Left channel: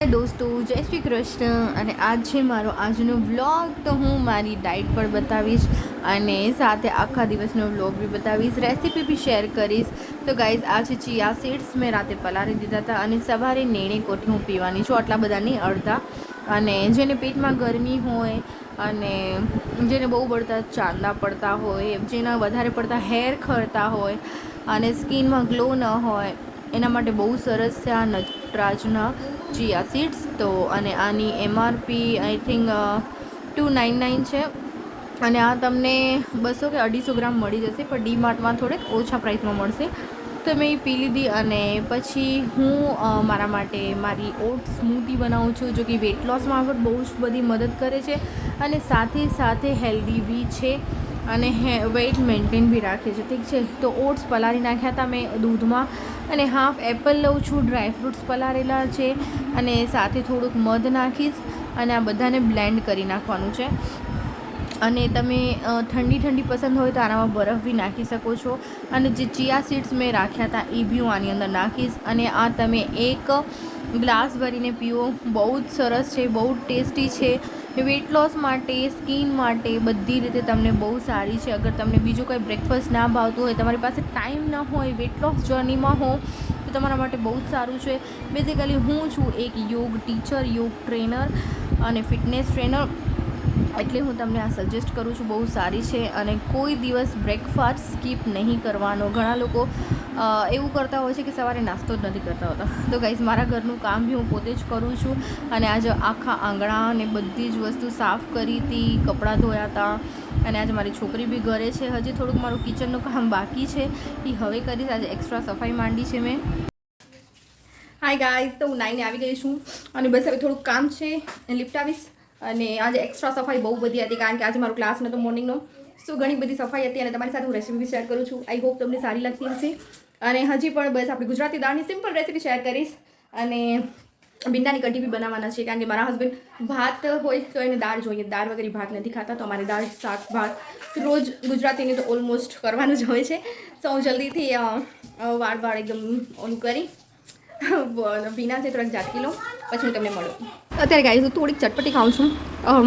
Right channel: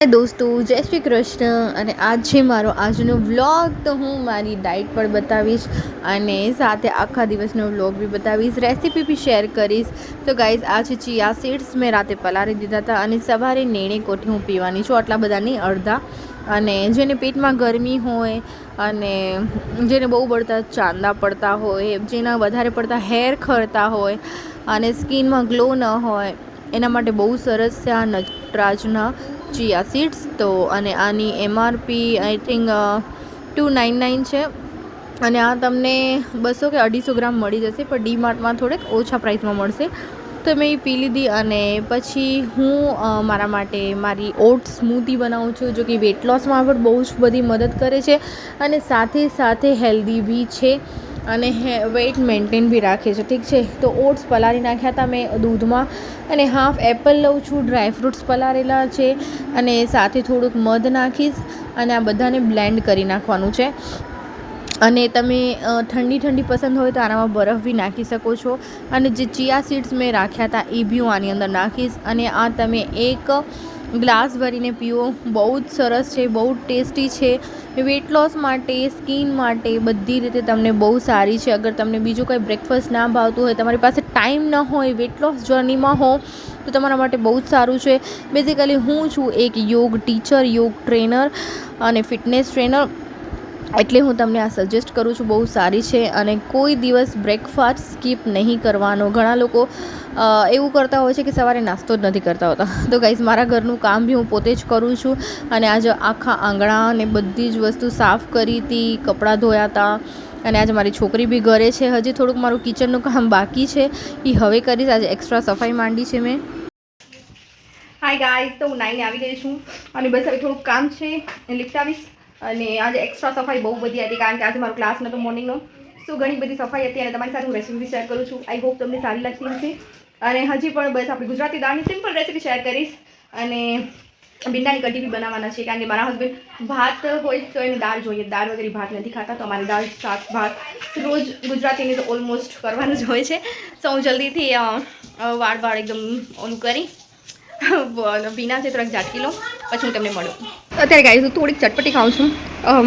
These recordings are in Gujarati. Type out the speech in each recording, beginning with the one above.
દોસ્તો જય શ્રી કૃષ્ણ અને આજ છે મારો આજનો વ્લોગ. તો હું મારી ડાયટ પણ બતાવીશ અને સાથે આખા દિવસનો વ્લોગ બી બતાવીશ, રેસીપી બી શેર કરીશ. તો ગાઈઝ આ છે ચિયા સીડ્સ. મેં રાતે પલાળી દીધા હતા અને સવારે નેણે કોઠી હું પીવાની છું, આટલા બધા નહીં, અડધા. અને જેને પેટમાં ગરમી હોય અને જેને બહુ પડતા ચાંદા પડતા હોય, જેના વધારે પડતા હેર ખરતા હોય અને સ્કિનમાં ગ્લો ન હોય, એના માટે બહુ સરસ છે આ નટરાજના ચિયા સીડ્સ. તો અને આની MRP આઈ થિંક 299 છે અને આ તમને 200 કે 250 ગ્રામ મળી જશે, પણ ડીમાર્ટમાં થોડેક ઓછા પ્રાઇસમાં મળશે. તો મેં એ પી લીધી અને પછી હું મારા માટે મારી ઓટ્સ સ્મૂધી બનાવું છું, જો કે વેટ લોસમાં પણ બહુ જ બધી મદદ કરે છે અને સાથે સાથે હેલ્ધી બી છે અને વેઇટ મેન્ટેન બી રાખે છે. ઠીક છે, તો ઓટ્સ પલાળી નાખ્યા હતા મેં દૂધમાં અને હાફ એપલ લઉં છું, ડ્રાયફ્રૂટ્સ પલાળેલા છે અને સાથે થોડુંક મધ નાખીશ અને આ બધાને બ્લેન્ડ કરી નાખવાનું છે. અને તમે ઠંડી પસંદ હોય તો આનામાં બરફ બી નાખી શકો છો. અને જે ચિયા સીડ્સ મેં રાખ્યા હતા એ બી હું આની અંદર નાખીશ અને આ તમે એક ગ્લાસ ભરીને પીવો. બહુ જ સરસ છે, બહુ જ ટેસ્ટી છે, વેટ લોસ માટે, સ્કિન માટે, બધી રીતે તમને બહુ સારી છે. અગર તમને બીજું કંઈ બ્રેકફાસ્ટ ના ભાવતું હોય, તમારી પાસે ટાઈમ ન હોય, વેટ લોસ જર્નીમાં હો, તો તમારા માટે બહુ જ સારું છે. બેઝિકલી હું છું એક યોગ ટીચર, યોગ ટ્રેનર અને ફિટનેસ ટ્રેનર, એટલે હું તમને આ સજેસ્ટ કરું છું. બહુ સારી છે અને કોઈ દિવસ બ્રેકફાસ્ટ સ્કીપ નહીં કરવાનો. ઘણા લોકો એવું કરતા હોય છે કે સવારે નાસ્તો જ નથી કરતા હોતા. તો ગાઈઝ મારા ઘરનું કામ બી હું પોતે જ કરું છું અને આજે આખા આંગણા અને બધી જ વસ્તુ સાફ કરી હતી, કપડાં ધોયા હતા અને આજે મારી છોકરી બી ઘરે છે. હજી થોડુંક મારું કિચનનું કામ બાકી છે, એ હવે કરીશ. આજે એક્સ્ટ્રા સફાઈ માંડી છે મેં. હાય ગાઈઝ, તો હું નાઈને આવી ગઈ છું અને બસ હવે થોડુંક કામ છે એ લિપટાવીશ. અને આજે એક્સ્ટ્રા સફાઈ બહુ બધી હતી કારણ કે આજે મારો ક્લાસ નહોતો મોર્નિંગનો, સો ઘણી બધી સફાઈ હતી અને તમારી સાથે હું રેસીપી શેર કરું છું. આઈ હોપ તમને સારી લાગતી હશે. અને હજી પણ બસ આપણી ગુજરાતી દાળની સિમ્પલ રેસીપી શેર કરીશ અને ભીંડાની કઢી બી બનાવવાના છે કારણ કે મારા હસબન્ડ ભાત હોય તો એને દાળ જોઈએ, દાળ વગર ભાત નથી ખાતા. તો અમારે દાળ, શાક, ભાત રોજ ગુજરાતીની તો ઓલમોસ્ટ કરવાનું જ હોય છે. તો હું જલ્દીથી વાળ એકદમ ઓલું કરી ભીના છે, થોડાક ઝાટકી લો પછી હું તમને મળું. અત્યારે ગાઈસ હું થોડીક ચટપટી ખાઉં છું.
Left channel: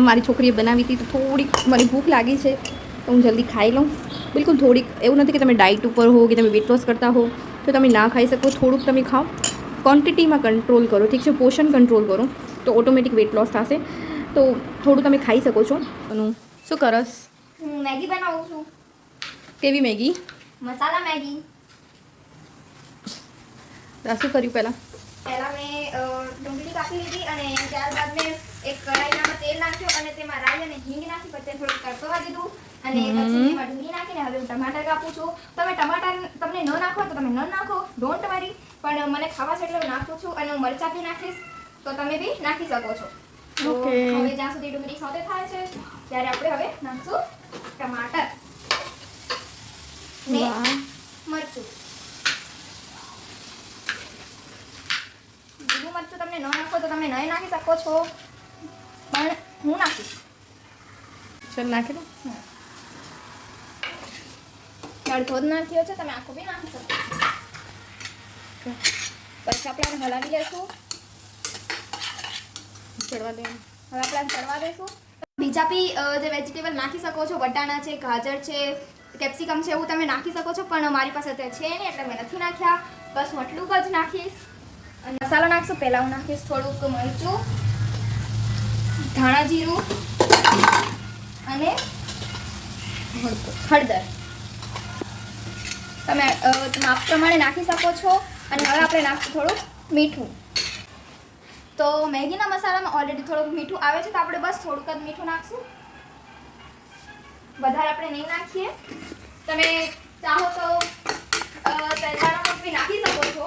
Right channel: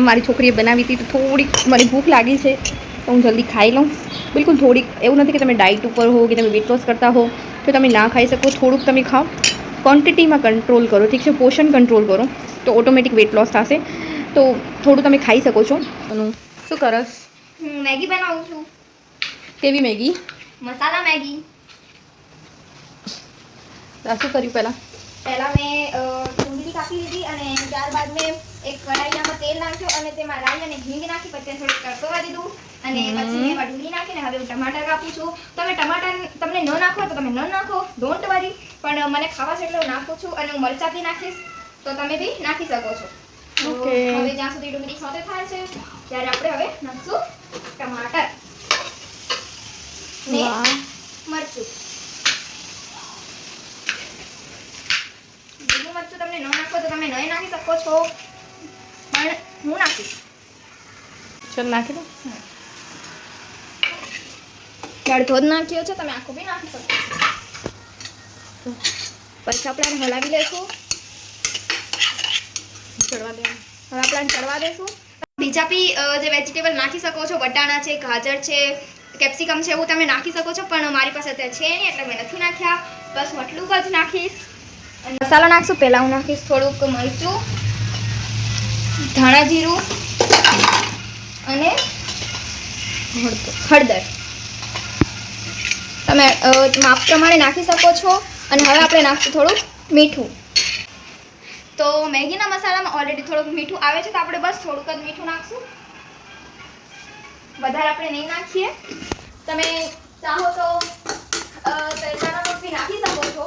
મારી છોકરીએ બનાવી હતી તો થોડીક મને ભૂખ લાગી છે તો હું જલ્દી ખાઈ લઉં. બિલકુલ થોડીક, એવું નથી કે તમે ડાયટ ઉપર હો કે તમે વેટ લોસ કરતા હો તો તમે ના ખાઈ શકો. થોડુંક તમે ખાઓ, ક્વોન્ટિટીમાં કંટ્રોલ કરો, ઠીક છે, પોષણ કંટ્રોલ કરો તો ઓટોમેટિક વેટ લોસ થશે. તો થોડું તમે ખાઈ શકો છો. શું કરસ? મેગી બનાવું છું. કેવી મેગી? મસાલા મેગી. શું કર્યું પહેલાં મેં ડુંગળી કાપી લીધી અને ત્યારબાદ મેં એક કઢાઈમાં તેલ નાખ્યું અને તેમાં રાઈ અને હિંગ નાખી, પછી તેને થોડું તડકવા દીધું અને પછી એમાં ડુંગળી નાખીને હવે હું ટમાટર કાપું છું. તમે ટમાટર તમને ન નાખો તો તમે ન નાખો, ડોન્ટ વરી, પણ મને ખાવા છે એટલે હું નાખું છું. અને હું મરચાં બી નાખીશ તો તમે બી નાખી શકો છો. હવે જ્યાં સુધી ડુંગળી સોતે થાય છે ત્યારે આપણે હવે નાખશું ટમાટર ને મરચું. લીલું મરચું તમને ન નાખો તો તમે નહીં નાખી શકો છો, પણ હું નાખીશ. ચાલ નાખી દો. અડધો જ નાખ્યો છે, તમે આખું બી નાખી શકો છો. પછી આપણે હલાવી લઈશું. ચડવા દે. હવે આપણે ચડવા દઈશું. બીજા બી જે વેજીટેબલ નાખી શકો છો, વટાણા છે, ગાજર છે, કેપ્સિકમ છે, એવું તમે નાખી શકો છો, પણ મારી પાસે અત્યારે છે નહીં એટલે મેં નથી નાખ્યા. બસ હું આટલું જ નાખીશ. અને મસાલો નાખશું. પહેલાં હું નાખીશ થોડુંક મરચું, ધાણા જીરું અને હળદર. તમે માપ પ્રમાણે નાખી શકો છો. અને હવે આપણે નાખશું થોડુંક મીઠું. તો મેગીના મસાલામાં ઓલરેડી થોડુંક મીઠું આવે છે તો આપણે બસ થોડુંક જ મીઠું નાખશું, વધારે આપણે નહીં નાખીએ. તમે ચાહો તો તૈયારનો લોટ બી નાખી શકો છો.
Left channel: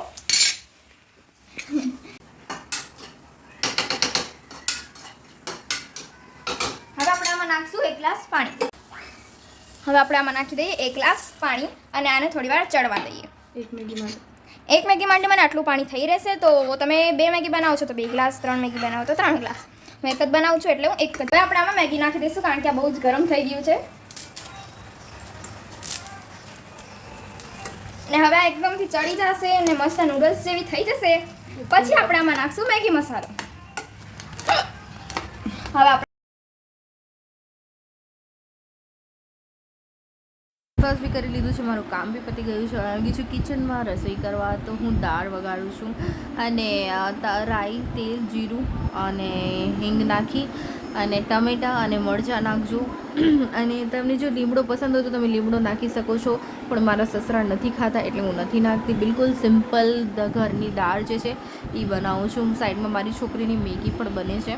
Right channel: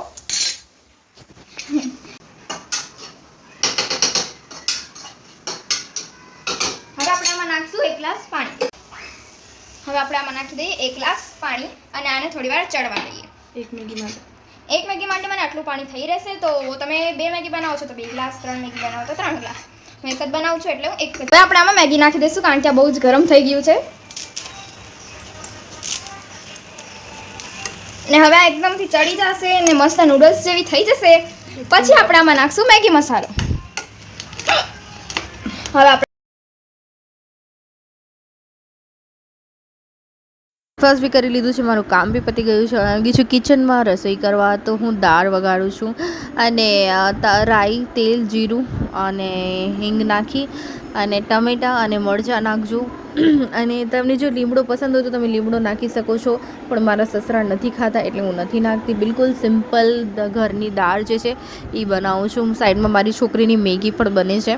હવે આપણે આમાં નાખશું 1 ગ્લાસ પાણી. હવે આપણે આમાં નાખી દઈએ 1 ગ્લાસ પાણી અને આને થોડી વાર ચડવા દઈએ. એક મેગી માટે મને આટલું પાણી થઈ રહેશે. તો તમે 2 મેગી બનાવો છો તો 2 ગ્લાસ, 3 મેગી બનાવો તો 3 ગ્લાસ. હું એક જ બનાવું છું એટલે હું એક જ. હવે આપણે આમાં મેગી નાખી દઈશું કારણ કે આ બહુ જ ગરમ થઈ ગયું છે. ને હવે આ એકદમથી ચડી જશે ને મસ્ત નૂડલ્સ જેવી થઈ જશે. પછી આપણે આમાં નાખશું મેગી મસાલો. હવે આપણે ફર્સ્ટ બી કરી લીધું છે, મારું કામ બી પતી ગયું છે. આવી ગઈ છું કિચનમાં રસોઈ કરવા. તો હું દાળ વગાડું છું અને રાઈ, તેલ, જીરું અને હિંગ નાખી અને ટમેટાં અને મરચાં નાખજો. અને તમને જો લીમડો પસંદ હોય તો તમે લીમડો નાખી શકો છો, પણ મારા સસરા નથી ખાતા એટલે હું નથી નાખતી. બિલકુલ સિમ્પલ ઘરની દાળ જે છે એ બનાવું છું. સાઈડમાં મારી છોકરીની મેગી પણ બને છે.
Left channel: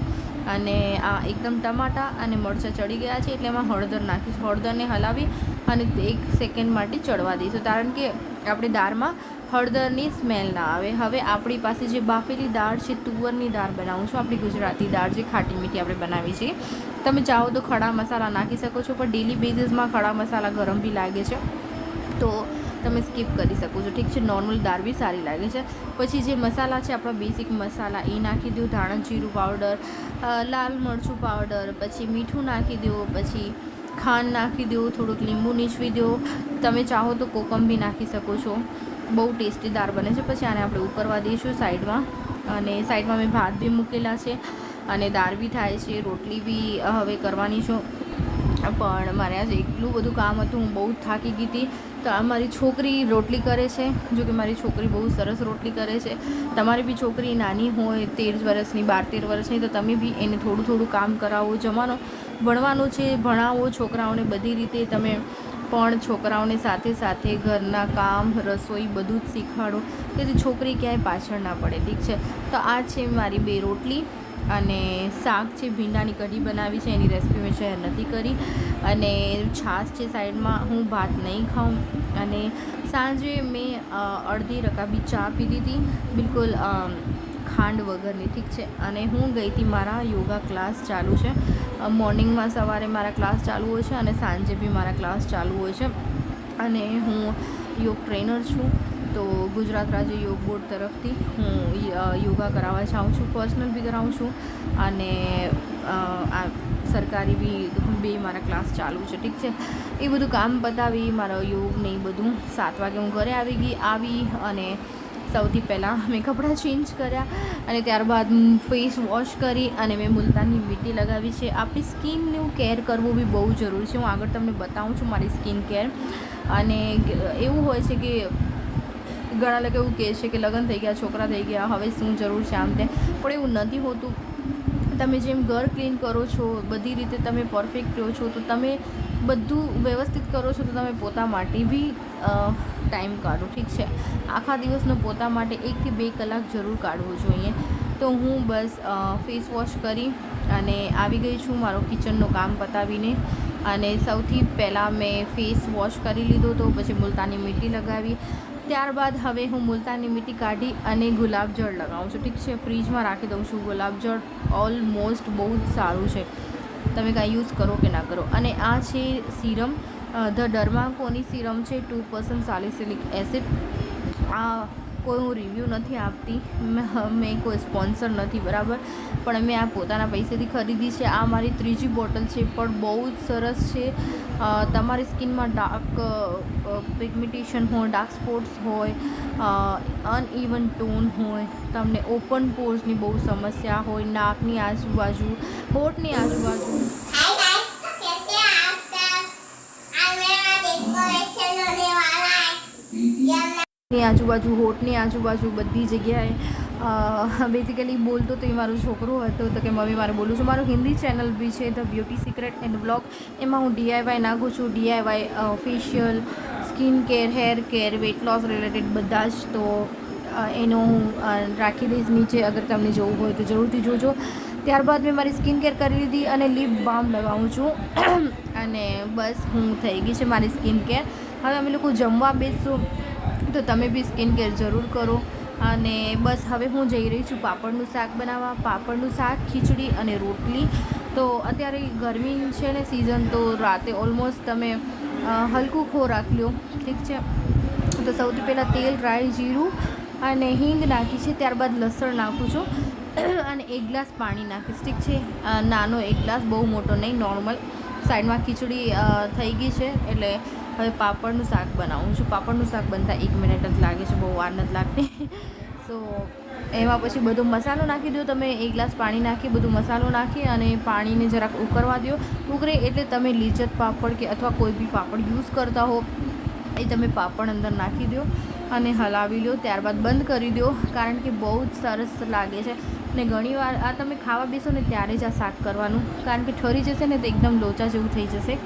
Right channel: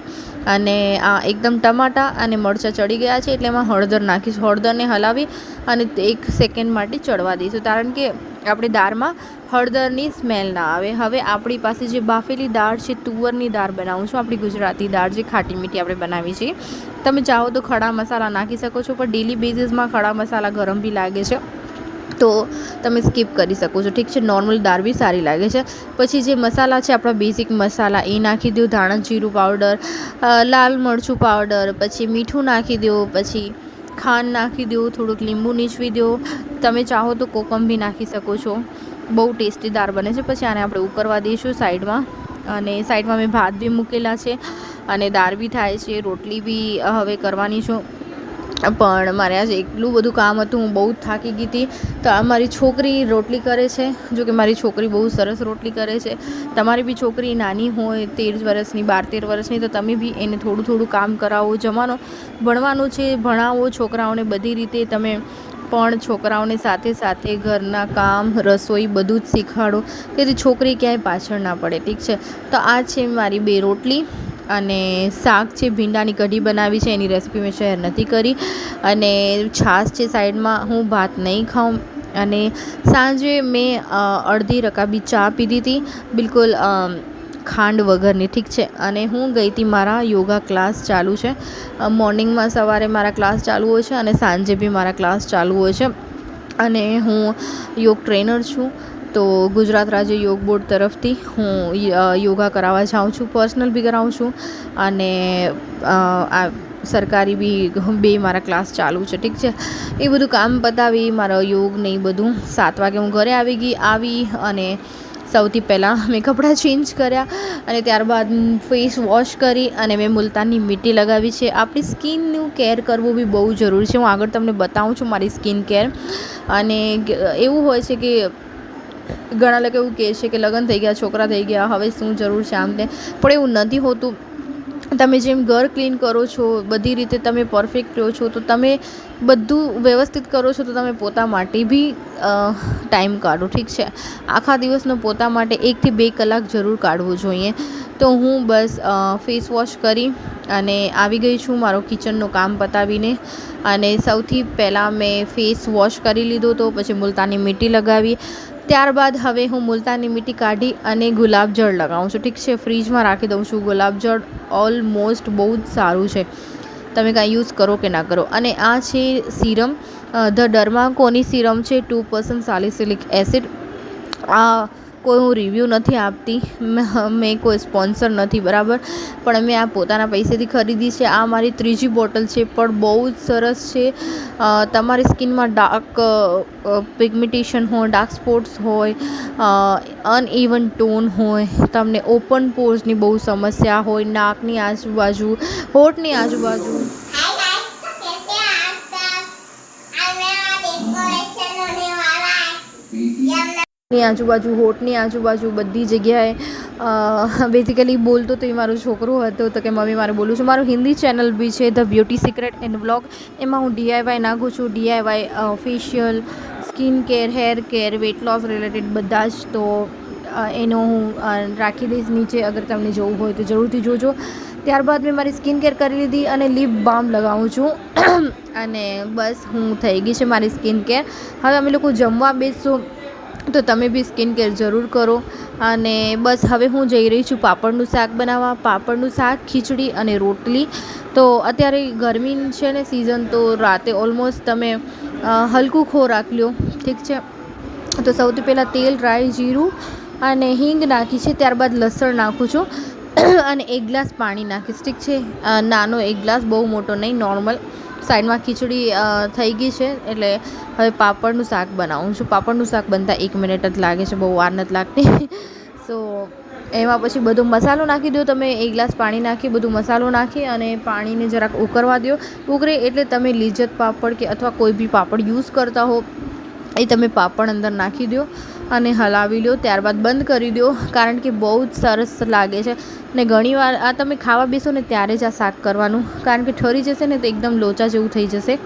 અને આ એકદમ ટમાટાં અને મરચાં ચડી ગયા છે એટલે એમાં હળદર નાખીશ. હળદરને હલાવી અને 1 સેકન્ડ માટે ચડવા દઈશું, કારણ કે આપણી દાળમાં હળદરની સ્મેલ ના આવે. હવે આપણી પાસે જે બાફેલી દાળ છે, તુવરની દાળ બનાવું છું, આપણી ગુજરાતી દાળ જે ખાટી મીઠી આપણે બનાવી છીએ. તમે ચાહો તો ખડા મસાલા નાખી શકો છો, પણ ડેલી બેઝિસમાં ખડા મસાલા ગરમ બી લાગે છે તો તમે સ્કીપ કરી શકો છો. ઠીક છે, નોર્મલ દાળ બી સારી લાગે છે. પછી જે મસાલા છે આપણા બેઝિક મસાલા એ નાખી દો. ધાણા જીરું પાવડર, લાલ મરચું પાવડર, પછી મીઠું નાખી દો, પછી ખાંડ નાખી દો, થોડુંક લીંબુ નીચવી દો. તમે ચાહો તો કોકમ બી નાખી શકો છો. બહુ ટેસ્ટી દાળ બને છે. પછી આને આપણે ઉકળવા દઈશું સાઈડમાં. અને સાઈડમાં મેં ભાત બી મૂકેલા છે અને દાળ બી થાય છે. રોટલી બી હવે કરવાની છું, પણ મારે આજે એટલું બધું કામ હતું, હું બહુ જ થાકી ગઈ હતી. તો આ મારી છોકરી રોટલી કરે છે. જો કે મારી છોકરી બહુ સરસ રોટલી કરે છે. તમારી બી છોકરી નાની હોય 13 વર્ષની, 12-13 વર્ષની, તો તમે બી એને થોડું થોડું કામ કરાવો. ભણવાનું છે, ભણાવો છોકરાઓને બધી રીતે. તમે પણ છોકરાઓને સાથે સાથે ઘરના કામ, રસોઈ બધું જ શીખવાડો, તેથી છોકરી ક્યાંય પાછળ ના પડે. ઠીક છે, તો આ છે મારી 2 રોટલી અને શાક છે. ભીંડાની કઢી બનાવી છે, એની રેસીપી મેં શેર નથી કરી. અને છાશ છે સાઈડમાં. હું ભાત નહીં ખાઉં. અને સાંજે મેં અડધી રકાબી ચા પીધી હતી, બિલકુલ ખાંડ વગરની. ઠીક છે, અને હું ગઈ હતી, મારા યોગા ક્લાસ ચાલુ છે. મોર્નિંગમાં સવારે મારા ક્લાસ ચાલુ હોય છે અને સાંજે બી મારા ક્લાસ ચાલુ હોય છે. અને હું યોગ ટ્રેનર છું. તો ગુજરાત રાજ્ય યોગ બોર્ડ તરફથી હું યોગા કરાવવા જાઉં છું. પર્સનલ બી કરાવું છું અને આ સરકારી બી 2 મારા ક્લાસ ચાલુ છે. ઠીક છે, એ બધું કામ પતાવી મારો યોગ ને એ બધું 7 વાગે હું ઘરે આવી અને સૌથી પહેલાં મેં કપડાં ચેન્જ કર્યા અને ત્યારબાદ ફેસ વોશ કરી અને મેં મુલતાની મીઠી લગાવી છે. આપણી સ્કિનનું કેર કરવું બી બહુ જરૂરી છે. હું આગળ તમને બતાવું છું મારી સ્કિન કેર. અને એવું હોય છે કે ઘણા લોકો એવું કહે છે કે લગ્ન થઈ ગયા, છોકરા થઈ ગયા, હવે શું જરૂર છે આમ તેમ, પણ એવું નથી હોતું. તમે જેમ ઘર ક્લીન કરો છો, બધી રીતે તમે પરફેક્ટ રહો છો, તો તમે બધું વ્યવસ્થિત કરો છો, તો તમે પોતા માટે બી ટાઈમ કાઢો. ઠીક છે, આખા દિવસનો પોતા માટે 1 થી 2 કલાક જરૂર કાઢવું જોઈએ. તો હું બસ ફેસ વોશ કરી અને આવી ગઈ છું મારો કિચનનું કામ પતાવીને. અને સૌથી પહેલાં મેં ફેસ વોશ કરી લીધો, તો પછી મુલતાની મીઠી લગાવી. ત્યારબાદ હવે હું મુલતાની મીઠી કાઢી અને ગુલાબજળ લગાવું છું. ઠીક છે, ફ્રીજમાં રાખી દઉં છું. ગુલાબજળ ઓલમોસ્ટ બહુ જ સારું છે, તમે કાંઈ યુઝ કરો કે ના કરો. અને આ છે સીરમ, ધ ડર્માકોની સીરમ છે, 2% સાલિસિલિક એસિડ. આ કોઈ હું રિવ્યૂ નથી આપતી, મેં કોઈ સ્પોન્સર નથી, બરાબર, પણ મેં આ પોતાના પૈસેથી ખરીદી છે. આ મારી 3જી બોટલ છે, પણ બહુ જ સરસ છે. તમારી સ્કિનમાં ડાર્ક પિગમેન્ટેશન હોય, ડાર્ક સ્પોટ્સ હોય, અનઇવન ટોન હોય, તમને ઓપન પોર્સની બહુ સમસ્યા હોય, નાકની આજુબાજુ, હોઠની આજુબાજુ, હોઠની આજુબાજુ બધી જગ્યાએ બેઝિકલી બોલતો તો એ મારો છોકરો હતો, તો કે મમ્મી મારે બોલું છું. મારું હિન્દી ચેનલ બી છે, the beauty secret and vlog. એમાં હું DIY નાખું છું. DIY facial, skin care, hair care, weight loss related બધા જ. તો એનો હું રાખી દઈશ નીચે, અગર તમને જોવું હોય તો જરૂરથી જોજો. ત્યારબાદ મેં મારી સ્કિન કેર કરી લીધી અને લિપ બામ લગાવું છું. અને બસ હું થઈ ગઈ છે મારી સ્કિન કેર. હવે અમે લોકો જમવા બેસશું, તો તમે બી સ્કિન કેર જરૂર કરો. અને બસ હવે હું જઈ રહી છું પાપડનું શાક બનાવવા. પાપડનું શાક, ખીચડી અને રોટલી. તો અત્યારે ગરમી છે ને સિઝન, તો રાતે ઓલમોસ્ટ તમે હલકું ખોરાક લ્યો. ઠીક છે, તો સૌથી પહેલાં તેલ, રાઈ, જીરું અને હિંગ નાખી છે. ત્યારબાદ લસણ નાખું છું અને 1 ગ્લાસ પાણી નાખીશ. ઠીક છે, નાનો 1 ગ્લાસ, બહુ મોટો નહીં, નોર્મલ. સાઈડમાં ખીચડી થઈ ગઈ છે, એટલે હવે પાપડનું શાક બનાવું છું. પાપડનું શાક બનતા 1 મિનિટ જ લાગે છે, બહુ વાર નથી લાગતી. સો એમાં પછી બધો મસાલો નાખી દો તમે, 1 ગ્લાસ પાણી નાખી બધો મસાલો નાખી અને પાણીને જરાક ઉકળવા દો. ઉકળે એટલે તમે લિજ્જત પાપડ કે અથવા કોઈ બી પાપડ યુઝ કરતા હો એ તમે પાપડ અંદર નાખી દો અને હલાવી લો. ત્યારબાદ બંધ કરી દો, કારણ કે બહુ જ સરસ લાગે છે. ને ઘણીવાર આ તમે ખાવા બેસો ને ત્યારે જ આ શાક કરવાનું, કારણ કે ઠરી જશે ને તો એકદમ લોચા જેવું થઈ જશે,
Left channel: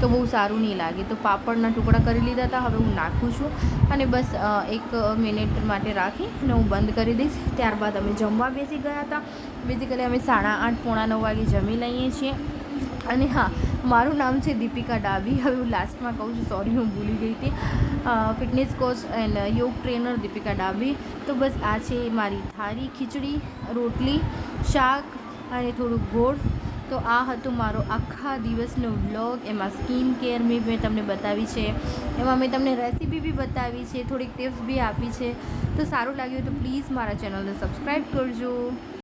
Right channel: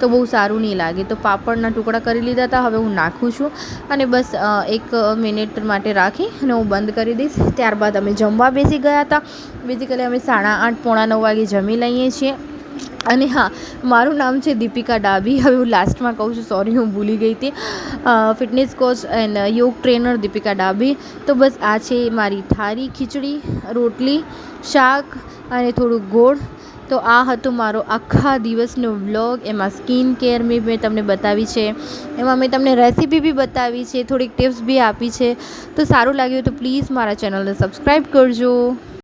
તો બહુ સારું નહીં લાગે. તો પાપડના ટુકડા કરી લીધા હતા, હવે હું નાખું છું અને બસ 1 મિનિટ માટે રાખી અને હું બંધ કરી દઈશ. ત્યારબાદ અમે જમવા બેસી ગયા હતા. બેઝિકલી અમે 8:30 પોણા 9 વાગે જમી લઈએ છીએ. અને હા, મારું નામ છે દીપિકા ડાબી. હવે હું લાસ્ટમાં કહું છું, સોરી હું ભૂલી ગઈ હતી. ફિટનેસ કોચ એન્ડ યોગ ટ્રેનર દીપિકા ડાબી. તો બસ આ છે મારી થાળી, ખીચડી, રોટલી, શાક અને થોડુંક ગોળ. તો આ હતું મારો આખા દિવસનો વ્લોગ. એમાં સ્કિન કેર મેં તમને બતાવી છે, એમાં મેં તમને રેસીપી બી બતાવી છે, થોડીક ટિપ્સ બી આપી છે. તો સારું લાગ્યું તો પ્લીઝ મારા ચેનલને સબસ્ક્રાઈબ કરજો.